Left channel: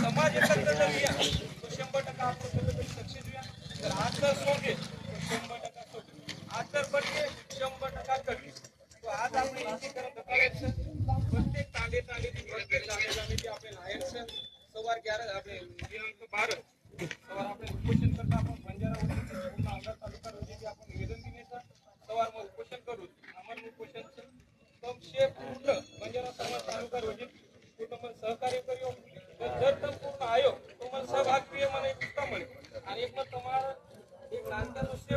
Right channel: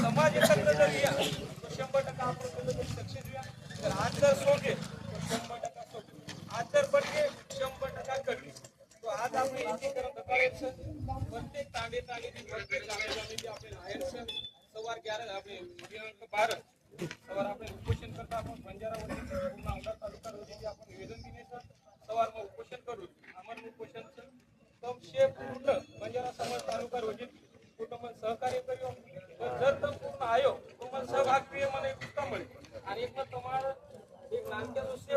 समाज एकत्र जर शंभर टक्का आपण सक्सेस होऊया तर आज जर तर शंभर टक्का सोडले आज जर शंभर टक्का कमी आज आपण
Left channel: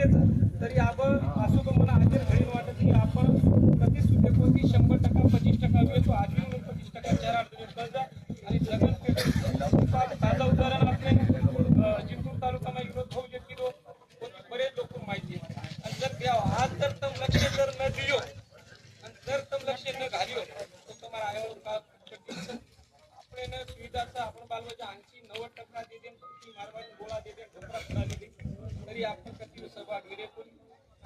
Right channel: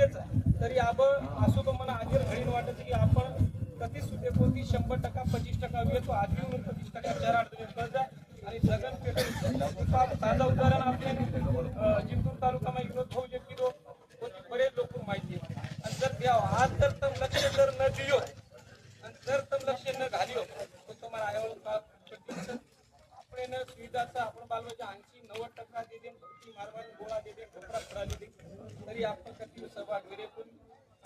तरी आपण असो तो मला आधी भारी वाटत की आपण कधीच सुटेपोती शंभर टक्का पंचवीस टक्का घेतो आजही म्हणून पंचवीस टक्का चार अडचणी कर्ज आणि जगन पेट ताजा उदाहरण आपले जिंतूर तालुका मध्ये विरोध जे शकतो कोणी बरेच लोक माहिती आणि जर द्यावं आज जर तर लक्ष जर न दियो जातं आपण बालवाच्या ऐंशी नव्वद टक्का दे देन खुर्ची गोळा दे देन ढोकरा फडा दे तरी आपण कधी सहभाग विरे कोणी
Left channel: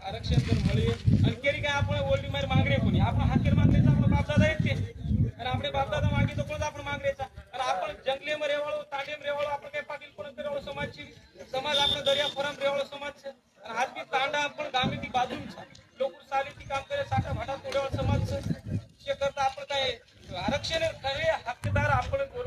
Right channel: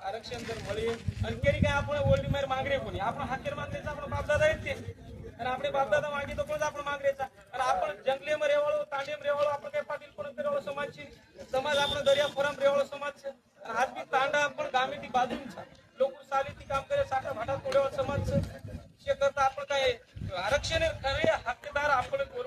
आरक्षण जर मळे आणि केली काय आपण ओल्डी मार मागरे कोणी आपण हाकेर मागरेचा आपण बापदादा येते आणि आपले बापदादा मागे तो आपण मागरेचा आणि आपण जंगलेम रेवाळो तांडेम रेवाळो आपण काय पाटील कोणत रेवाळो समाजची समाज आपण दर्या फोरम रेवाळो समाज आणि आज बी तांडा आपण गामे ती बाजूंचा लोक साली ती काम करे साठा भाटा तोड्यावर समाज करता आपण काय आरक्षण खरे हक्कदार आपण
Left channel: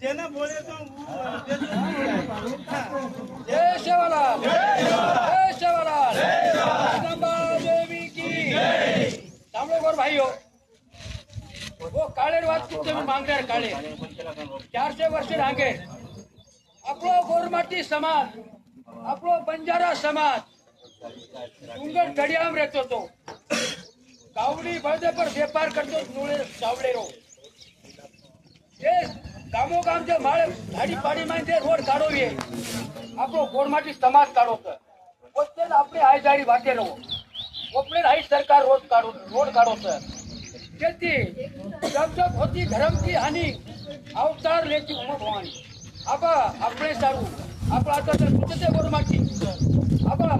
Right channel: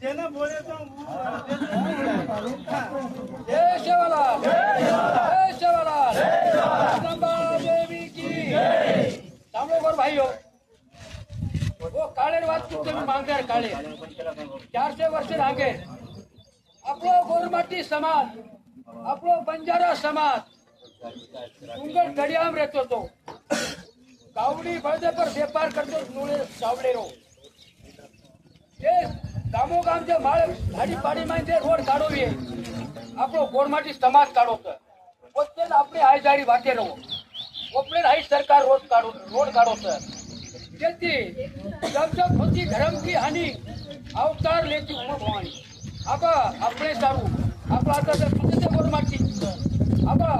જેને બોલે તો જય શિવાલાલ જય શિવાલાલ અંબા દેવી કી સાંભળો ગોર ભાઈઓ વો કાળેર વાત કુતે મે માંગનાર કાળે 400 વર્ષે રાગે આપણો ગોરમાટી સમાજ આપણો બંજારા સમાજ ડુંગર ઢડિયામ રહેતો હતો કાવડી ભરદે પર વેપાર કરતો નોળે સાવડેરો ગામો ગામ જે માળે ભાડી પાડી માં જે રોડ કાઢોવીએ આપણો ગોળમાંથી સમાજ કાઢો છે પોતે આપણે આ જાડી વાતે રહો કોર્પોરેટ હાઈ સરકાર રોડ કાઢો રોડ કાઢો છે તેથી જમજમ હોતી ધર્મથી હાનિ અવતાર લેતી ઉમર ભવાની આબા આપણે સારું આપણા તો પૂછતે ગોળમાંથી આબા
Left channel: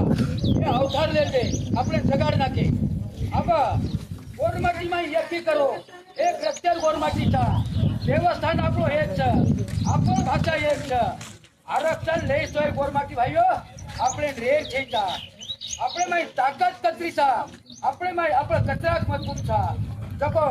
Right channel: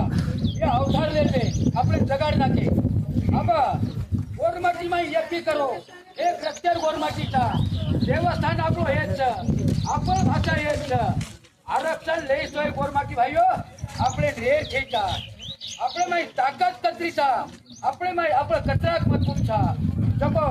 એ અવતાર લેતે આપણે જગાડી નાખે આબા ગોળમાંથી માં યજ્ઞ કરો એ પ્રત્યેક ગોળમાંથી તા દેવસ્થાન આપણું એક છે આપણી ભાષા એક છે આરક્ષણ લઈ તો ગોરમાંથી ભાઈઓ આપણે રેડ થઈ જા આપણે મારી તાકાત કતરી છા આપણે મારી આપણે કચરાકમાં ગુમ છા જપો